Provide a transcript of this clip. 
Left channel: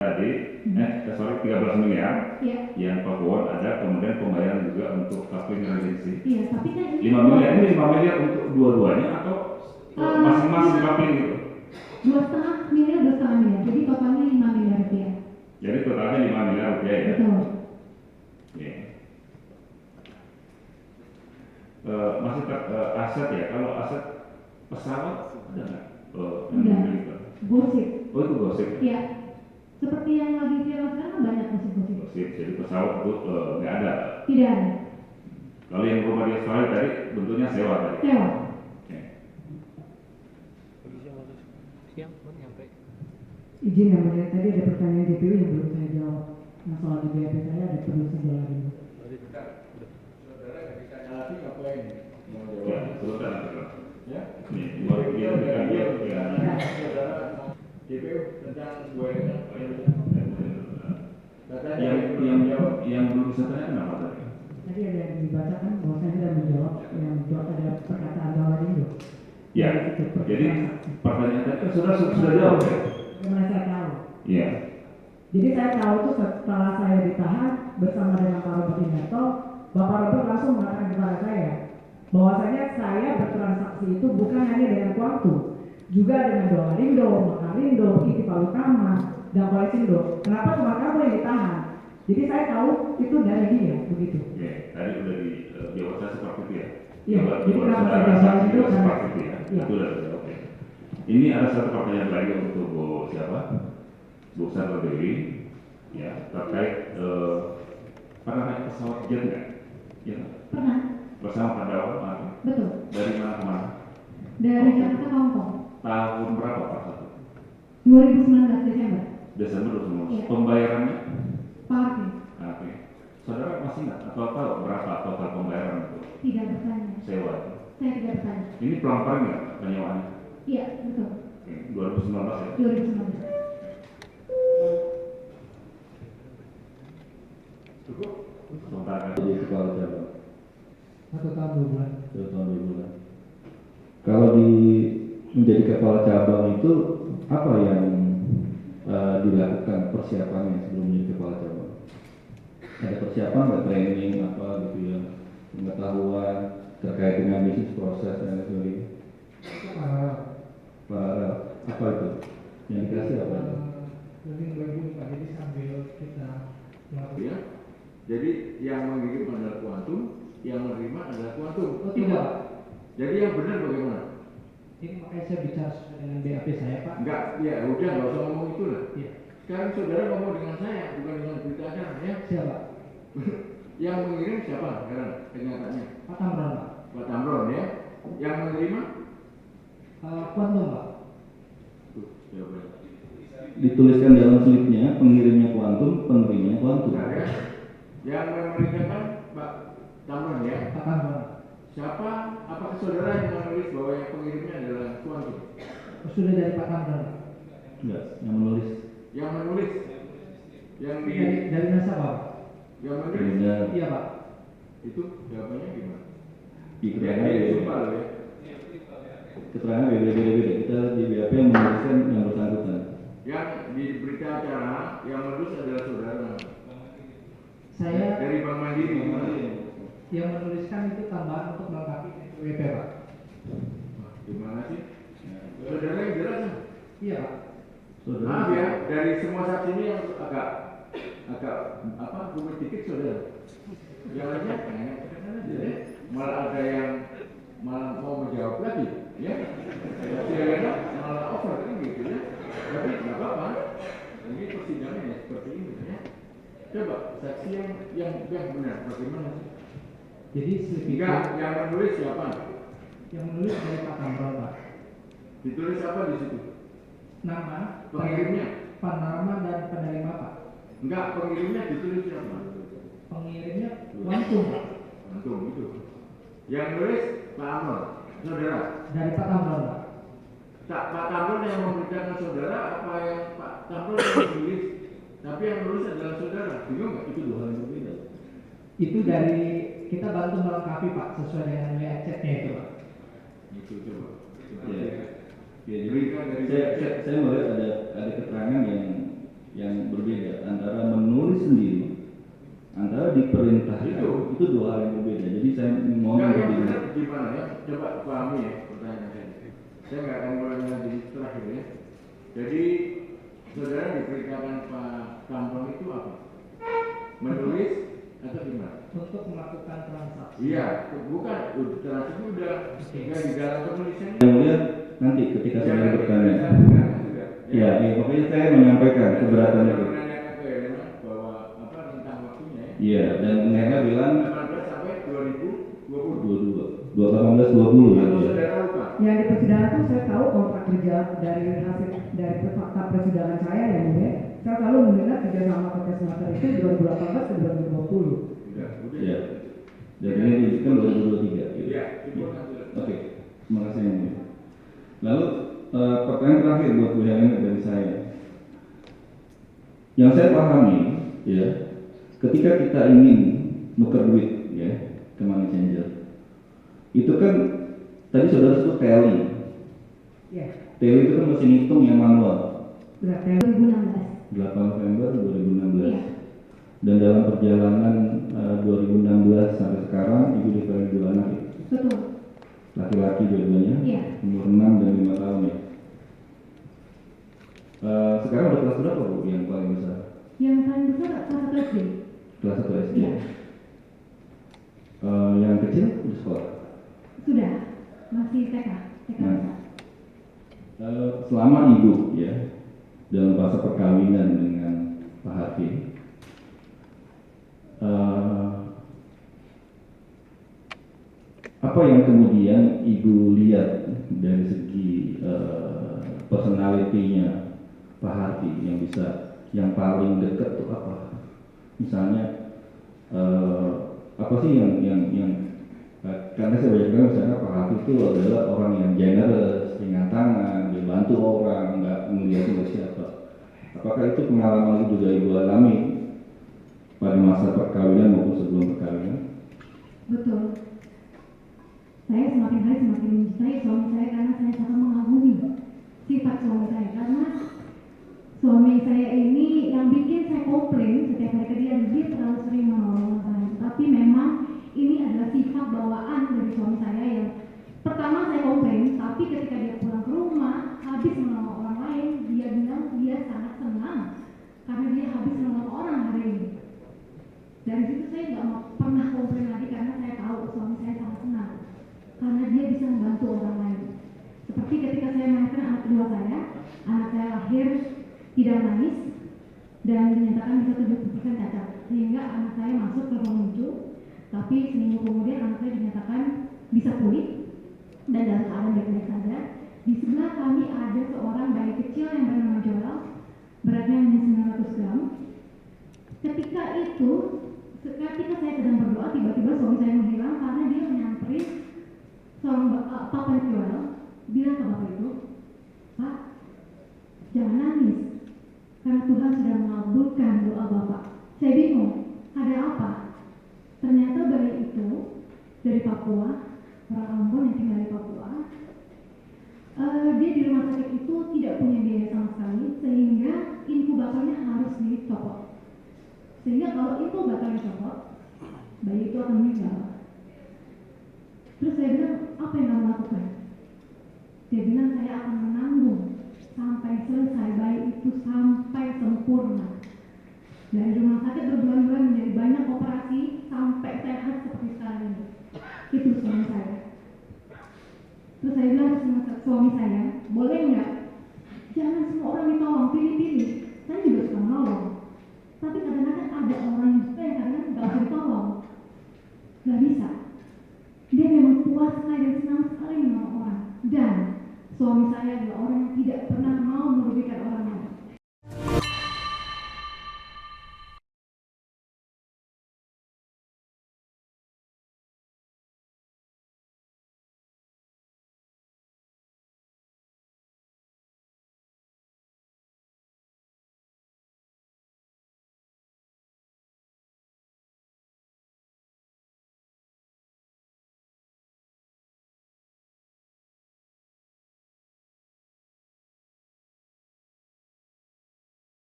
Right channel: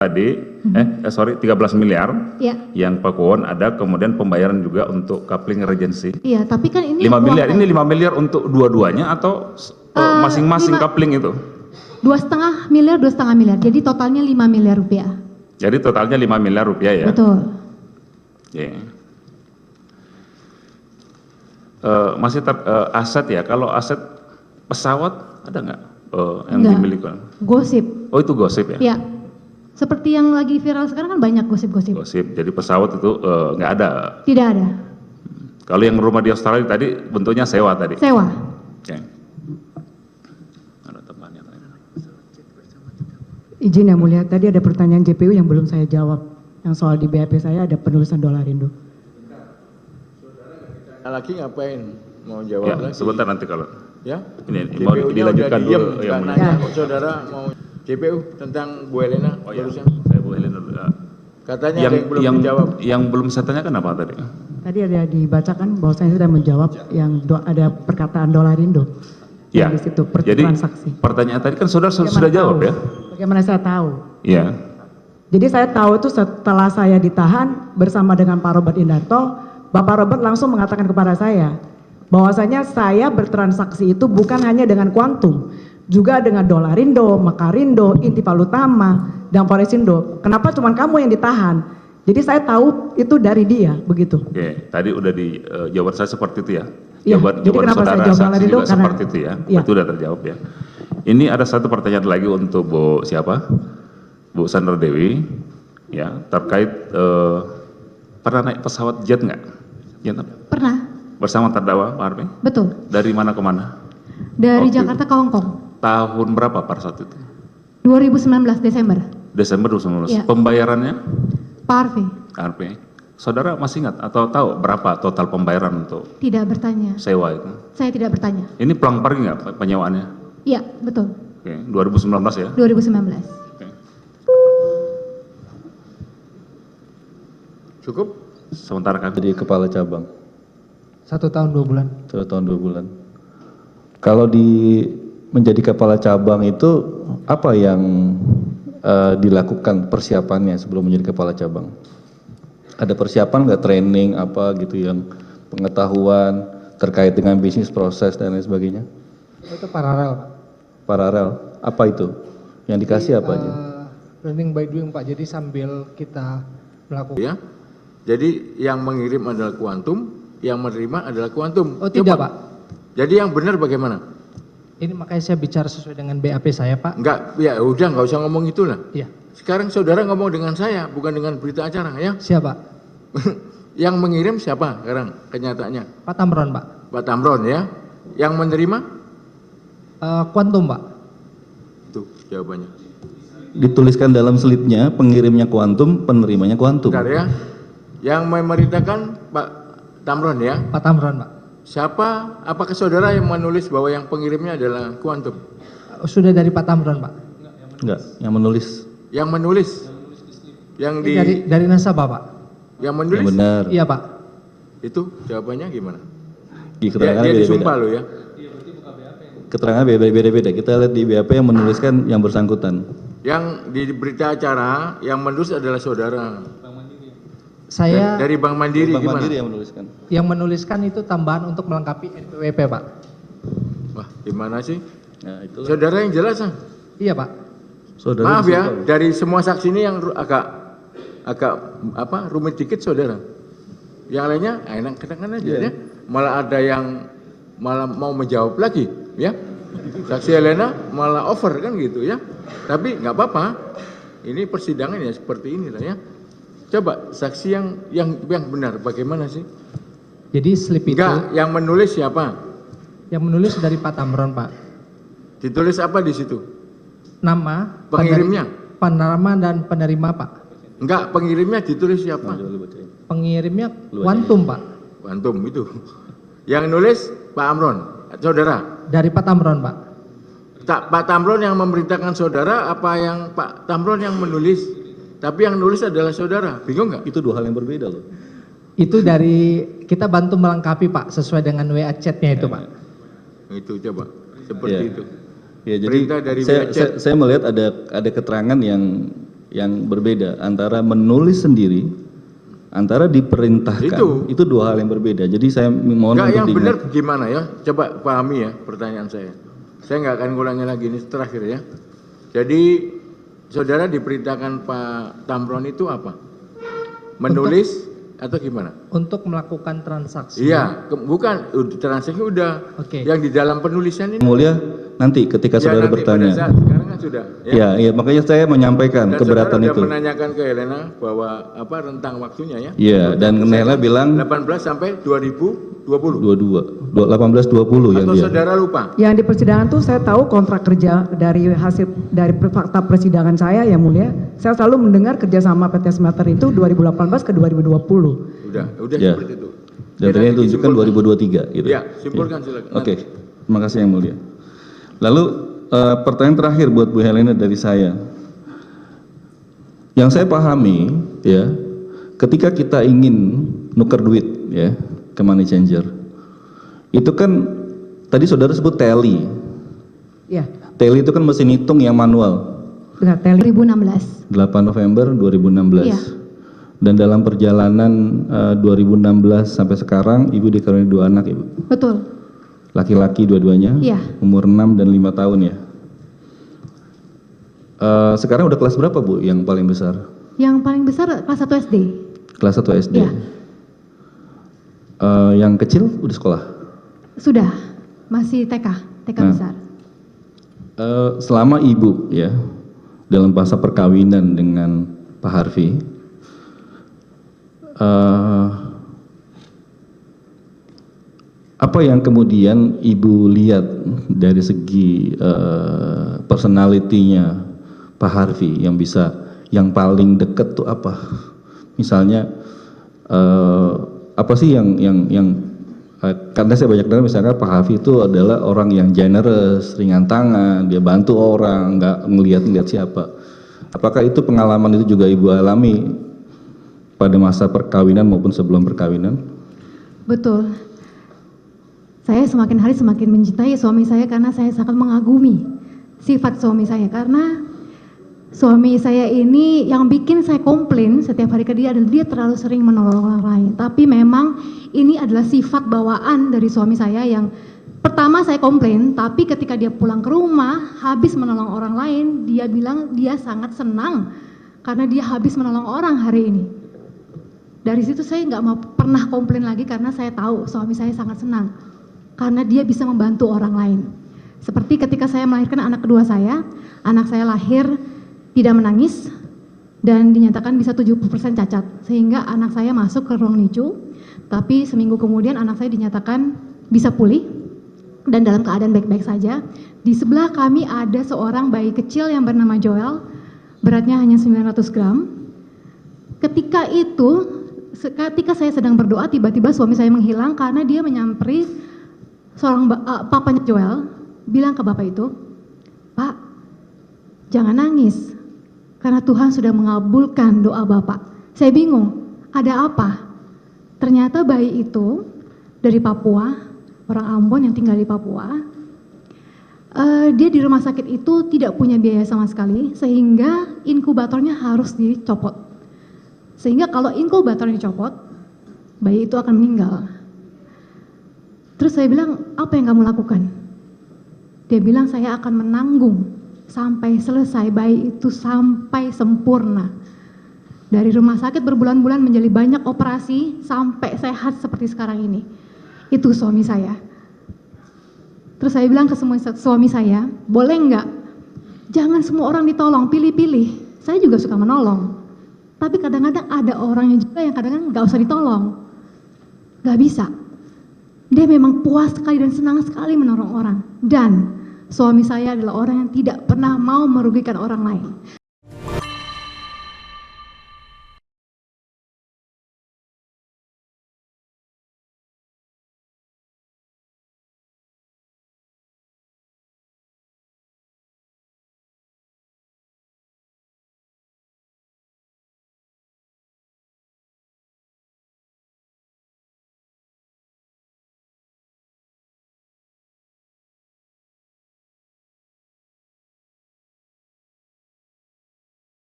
tadi, 13 miliar Iya. yang Pakuwon ada, kemudian pembayaran juga untuk coupling regency. Iya, tapi kan ini 5 miliar, ini 5 miliar untuk dua-duanya atau masing-masing coupling itu? 2,5 miliar, 2,5 miliar. Jadi totalnya 5 miliar rupiah. Jadi totalnya 5 miliar rupiah ya? Betul. Oke. Masih aset ya, kalau aset pesawat ada nggak yang Enggak. dimiliki? Gosip. Oh itu gosip ya? Iya. Seperti yang lagi viral sekarang kan banyak gosip-gosip. Gosip, jadi pesawat itu nggak ada. Tidak ada. Kalau yang rumah di Australia tadi bentuknya sewa tadi? Sewa. Oke. Izin yang mulia, tadi ada pertanyaan JPU yang belum saya jawab. Yang soal di BAP saya ada penulisan dolar Indo. Lagi ngapain? Mau Ya, jawab lagi? sebentar nanti kalau Ya? ini mau JPU-nya dilanjutkan udah diem, dulu yang nggak mana? nanya kok saudara mau JPU tentang Bu Elena Oh ya, barusan. saya Bu Helena dulu. Katanya Yang ada yang belum dijawab. yang belum saya tanyakan apa tadi? Tadi ada dibacakan bahwa saya sudah menjawab yang ada perkataan dolar Indo. Ya. Di situ Jadi transaksi. pertanyaan tadi kan saudara sudah jawab ya? Bagaimana saya tahu? Iya. Jadi saya tahu itu setelah saya ditahan bersama dengan Pak Robert Indarto, Bapak Robert langsung mengatakan kepada saya bahwasanya saya bertransaksi itu bukan hanya dengan Quantum, juga dengan Dolarindo, Mekarindo, Inti Palutama, dan Polisindo. Kenapa cuma kamu yang ditahan? Jadi saya tahu itu dari dia, begitu. Oke, tadi udah di jawaban saya seperti itu ya. Iya, Jawaban jadi kenapa saya jawab saksi itu? juga Karena- seperti itu ya. iya. Itu udah terjawab ya. Ini ada satu pertanyaan lagi untuk Bu siapa? Bu Sandra Dewi ya, terkait pernah naik pesawat jet nggak? Ya, Pernah. bersama terdakwa Pak Harvey? Betul. Dari mana ke mana? Dari Oke. Jakarta ke Hong Kong. Tahun berapa pada saat itu? 2019 Desember. Desember 2019. Iya. Pembayarannya Pak Harvey Harvey. Saudara masih ingat atau tahu berapa total pembayaran untuk tidak bertanya. sewa itu? Saya tidak bertanya. Ini pelang-pelang nggak penyewaannya? Iya, betul. Oke, 2019 ya? 2019. Cukup? Sementara kami Jadi kepala cabang 1 tahun 2 bulan. 1 tahun 2 bulan. Kalau menjadi kepala cabang itu apa yang dilakukan persiapannya sebelum menjadi kepala cabang? Ada persiapan nggak, training apa gitu yang pengetahuan terkait dengan bisnis proses dan lain sebagainya? Itu paralel, Pak. Paralel, apa itu? Yang dikasih apa aja? Learning by doing, Pak. Jadi sambil kita melakukan. Ya. Jadi yang mengirim adalah Quantum, yang menerima adalah Quantum. Oh tidak, Coba. Pak. Jadi yang benar bagaimana? Ini makanya saya bicara sesuai dengan BAP saya, Pak. Enggak, ya udah nggak usah ngomong itulah. Iya. Sekarang saudara ngomong dengan saya, bukan dengan berita acara ya. Siapa? Yang mengirim siapa sekarang kenyataannya? Pak Tamron, Pak. Pak Tamron ya. Yang menerima? Quantum, Pak. Itu jawabannya. Dituliskan dalam slipnya, pengirimnya Quantum, penerimanya Quantum. Bentar ya. Yang memerintahkan Pak Tamron ya. Pak Tamron, Pak. Siapa? Apakah saudara yang menulis bahwa yang pengirimnya adalah Quantum? Sudah dari Pak Tamron, Pak. Enggak, yang menulis. Yang menulis? Yang di Dari nasabah, Pak. yang menulis? Yang benar. Iya, Pak. Itu jawabannya gimana? Di Dia, keterangan dia disumpah beda-beda. loh ya. Keterangan beda-beda. Kita lihat di BAP yang menuliskan yang bersangkutan. Yang di berita acara yang menulis adalah saudara. Saya Dari Bank Mandiri Bank gimana? Mandiri yang menuliskan. yang menuliskan itu tambahan untuk melengkapi NPWP, Pak. Wah, gimana sih? Nah, itulah. Saudara yang jelas ah. Iya, Pak. Saudara Maaf bisa ya, tahu. dari semua saksi ini yang agak rumit dikit saudara. Yang lainnya enak-enakan aja Iya. ya. Malah ada yang malah mau menjawab lagi ya. Saksi Helena malah over kan gitu ya. Tapi nggak apa-apa. Ini persidangan ya seperti ini lah ya. Coba saksi yang benar bagaimana sih? Jadi slip itu Enggak, yang menulis siapa? yang menulis dari Pak Tamron, Pak. Ditulis apa di situ? Nama, Pengirimnya? penerima dan penerima, Pak. Enggak, pengirimnya ditulis siapa? Pengirimnya Quantum, Pak. Antum itu. Yang nulis Pak Amron, saudara. Dari Pak Tamron, Pak. Pak Tamron yang memerintahkan saudara apa yang Pak Tamron yang menulis? Tapi yang nulis adalah saudara. Bingung nggak? Itu dua hal yang berbeda loh. Itu dari kita bantu melengkapi, Pak, sesuai dengan WA chat-nya itu, Pak. Itu coba seperti Iya. itu. Ya, jadi Perintah dari saya, WhatsApp. saya melihat ada keterangan yang yang berbeda antara menulis sendiri, antara diperintahkan. Itu dua hal yang berbeda. Jadi saya mohon Enggak, untuk yang diingat. benar gimana ya? Coba pahami ya pertanyaan saya. Saya nggak akan ngulangi lagi, ini terakhir ya. Jadi saudara diperintahkan Pak Tamron itu apa? Menulis atau gimana? Untuk melakukan transaksi. Iya, bukan transaksi udah. Oke. Yang di dalam penulisan ini. Mulia, nanti ketika Ya, saudara nanti pada bertanya. saat sekarang kan sudah. Ya, iya, makanya saya menyampaikan Dan keberatan saudara itu. sudah menanyakan ke Helena bahwa apa rentang waktunya ya? Iya, dan Helena bilang 18 sampai 2020. 18-20 yang Atau dia. saudara lupa? Yang di persidangan tuh saya tahu kontrak kerja dari fakta persidangan saya yang mulia. Saya selalu mendengar kerjasama PT Smelter itu 2018 ke 2020. Udah Ya. seperti itu. Dan Ya, tadi yang nanti tunjukkan simpulkan. 2023 gitu. Ya, simpulkan silakan. Oke, terima kasih yang mulia. Lalu pertanyaan terakhir buat Bu Helena dari saya. Yang saya pahami ya, ketika kita ingin nuker duit ya ke money changer, itu kan tadi saudara sebut tally. Iya, Tally itu kan mesin hitung yang manual. benar tele. 2016. 8 November 2016. Iya. Dan dalam perjalanan 2016 sampai sekarang Ibu dikaruniai 2 anak, Ibu. Betul. Laki-laki dua-duanya, Iya. umur 6 dan 5 tahun ya. Sekarang udah kelas berapa Bu yang paling besar? Yang paling besar kelas 1 SD. Kelas 1 SD. Iya. Yang kecil udah sekolah? Sudah, masih TK Nah. besar. Selama Ibu ya dalam masa perkawinan dengan Pak Harvey, apa yang kemudian Ibu lihat dari segi personality-nya Pak Harvey yang paling deket tuh apa? Misalnya apa sih yang karena saya banyak dengar misalnya Pak Harvey itu adalah orang yang generous, ringan tangan, dia bantu orang, nggak ngelihat siapa. Apakah itu pengalaman itu juga Ibu alami pada masa perkawinan maupun sebelum perkawinan? Betul. Saya semakin hari semakin mencintai suami saya karena saya sangat mengagumi sifat suami saya. Karena suami saya ini yang bikin saya komplain setiap hari ke dia adalah dia terlalu sering menolong orang lain. Tapi memang ini adalah sifat bawaan dari suami saya yang pertama saya komplain, tapi ketika dia pulang ke rumah habis menolong orang lain, dia bilang dia sangat senang karena dia habis menolong orang hari ini. Dari situ saya nggak mau pernah komplain lagi karena saya tahu suami saya sangat senang karena dia bisa membantu orang lain. Seperti ketika saya melahirkan anak kedua saya, anak saya lahir tidak menangis dan dinyatakan bisa 70% cacat, sehingga anak saya masuk ke ruang NICU, tapi seminggu kemudian anak saya dinyatakan bisa pulih dan dalam keadaan baik-baik saja. Di sebelah kami ada seorang bayi kecil yang bernama Joel, beratnya hanya 900 gram. Ketika saya sedang berdoa, tiba-tiba suami saya menghilang karena dia menyamperi seorang papanya Joel, bilang ke bapak itu, "Pak, jangan nangis, karena Tuhan sudah mengabulkan doa bapak." Saya bingung, ada apa? Ternyata bayi itu dari Papua, orang Ambon yang tinggal di Papua. Dia di rumah sakit itu tidak punya biaya sama sekali, sehingga inkubatornya harus dicopot. Sehingga kalau inkubator dicopot, bayi itu akan meninggal. Terus saya bilang, apa yang kamu lakukan? Dia bilang, saya akan menanggung sampai selesai bayi itu sampai sempurna. Dari rumah sakit berbulan-bulan menjadi banyak operasi sampai sehat seperti sekarang ini. Itu suami saya. Terus saya bilang ke suami saya, boleh enggak? Jangan semua orang ditolong, pilih-pilih. Saya juga suka menolong. Tapi kadang-kadang ada orangnya juga yang kadang-kadang nggak usah ditolong. Nggak bisa. Dia memang puas sekali dan senang sekali menolong orang. Dan suami saya adalah orang yang tidak pernah mau merugikan orang lain.